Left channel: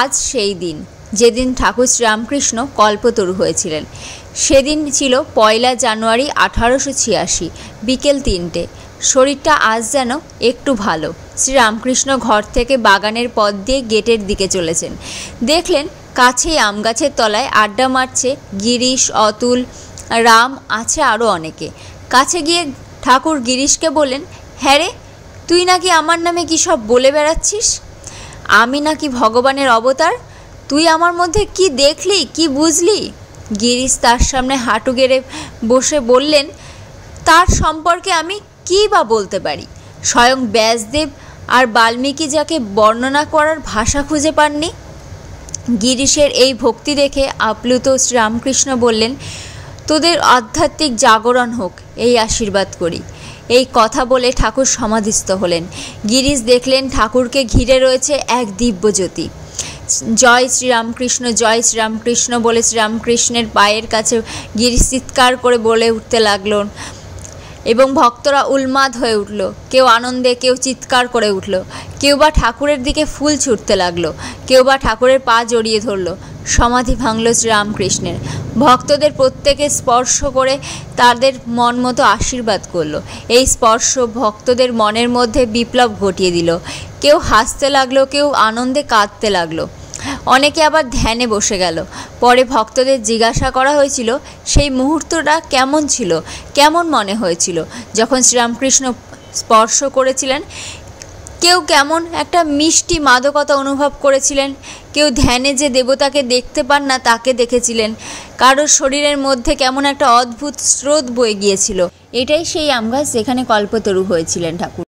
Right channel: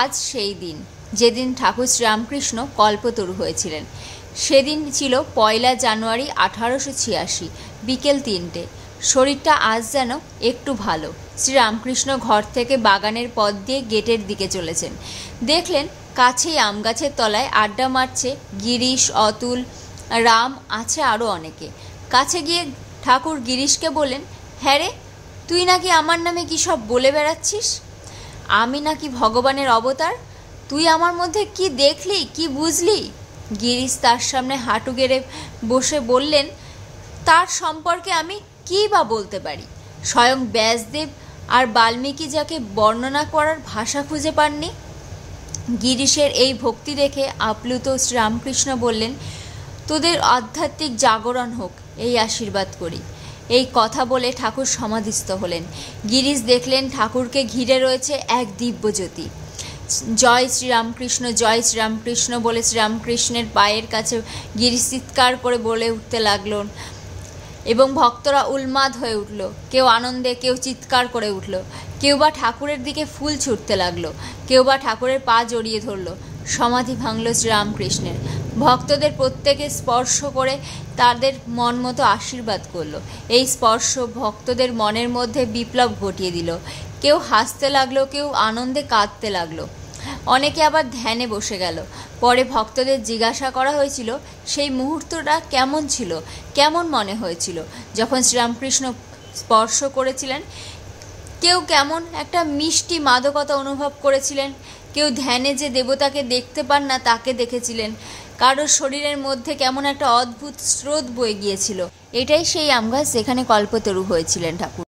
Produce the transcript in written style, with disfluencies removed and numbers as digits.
আজ সেই দিন যেদিন ঠাকুর শ্রীরামকৃষ্ণ কল্পতরু হয়েছিলেন। সেদিন ছিল 1 জানুয়ারি 1886 বিকেল 3টে। শরীরটা আজ যেন একটু ভালো। শ্রীরামকৃষ্ণ ঘর থেকে বাগানের পথ দিয়ে গেটের দিকে চলেছেন। দেখলেন কাছেই আম গাছের তলায় আড্ডা মারছে গিরিশ, অতুল, রাম, আছে আরও অনেকে। কাছে গিয়ে ঠাকুর গিরিশকে বললেন, হ্যাঁ রে, তুই নাকি আমার নামে কী সব বলে বেড়াচ্ছিস? আমি নাকি ভগবানের অবতার? তুই আমার মধ্যে কি দেখলি, কি বুঝলি? গিরিশ তার সামনে হাঁটু গেড়ে বসে বললেন, তার সম্পর্কে আমি কী বা বলতে পারি? স্বয়ং ব্যাসদেব আর বাল্মীকি যাকে বর্ণনা করার ভাষা খুঁজে পাননি। গিরিশের এই ভক্তি দেখে আপ্লুত শ্রীরামকৃষ্ণ বললেন, তোদের আধ্যাত্মিক জাগরণ হোক, এই আশীর্বাদ করি। এই কথা বলে ঠাকুর সমাধিস্থ হলেন। গিরিশ দেখলেন ঠাকুরকে ঘিরে রয়েছে এক দিব্যজ্যোতি। জয় শ্রীরামকৃষ্ণ, জয় শ্রীরামকৃষ্ণ বলে শ্রীরামকৃষ্ণের পায়ের কাছে গিরিশ চিৎকার করে বলে উঠতে লাগল এবং ভক্তরা উন্মাদ হয়ে উঠল। কেউ আনন্দে, কেউ চিৎকার করে উঠল, কেউ বা ঠাকুরের দিকে ফুল ছুটতে লাগলো, কেউ বা ঠাকুরের পা জড়িয়ে ধরল। সমাধি ভাঙল শ্রীরামকৃষ্ণের। ভক্তদের প্রত্যেকে স্পর্শ করে তাদের মন মতো আশীর্বাদ করল। এই স্পর্শ ভক্তদের মনের মধ্যে বিপ্লব ঘটিয়ে দিল। কেউ হাসতে লাগলো, কেউ আনন্দে কাঁদতে লাগলো, অনেকে আবার ধ্যানে বসে গেল। পরে ভক্তদের জিজ্ঞাসা করা হয়েছিল সেই মুহূর্তটা কেমন ছিল, কেমন মনে হয়েছিল যখন শ্রীরামকৃষ্ণ স্পর্শ করেছিলেন। কেউ কেমন একটা মিষ্টি মাদকতা অনুভব করেছিলেন, কেউ ধ্যানে যে দেবতাকে দেখতে পান না তাকে দেখেছিলেন, কারোর শরীরের মধ্যে কেমন একটা অদ্ভুত স্রোত বয়ে গিয়েছিল। এটাই সেই আম গাছ যেখানে কল্পতরু হয়েছিলেন ঠাকুর।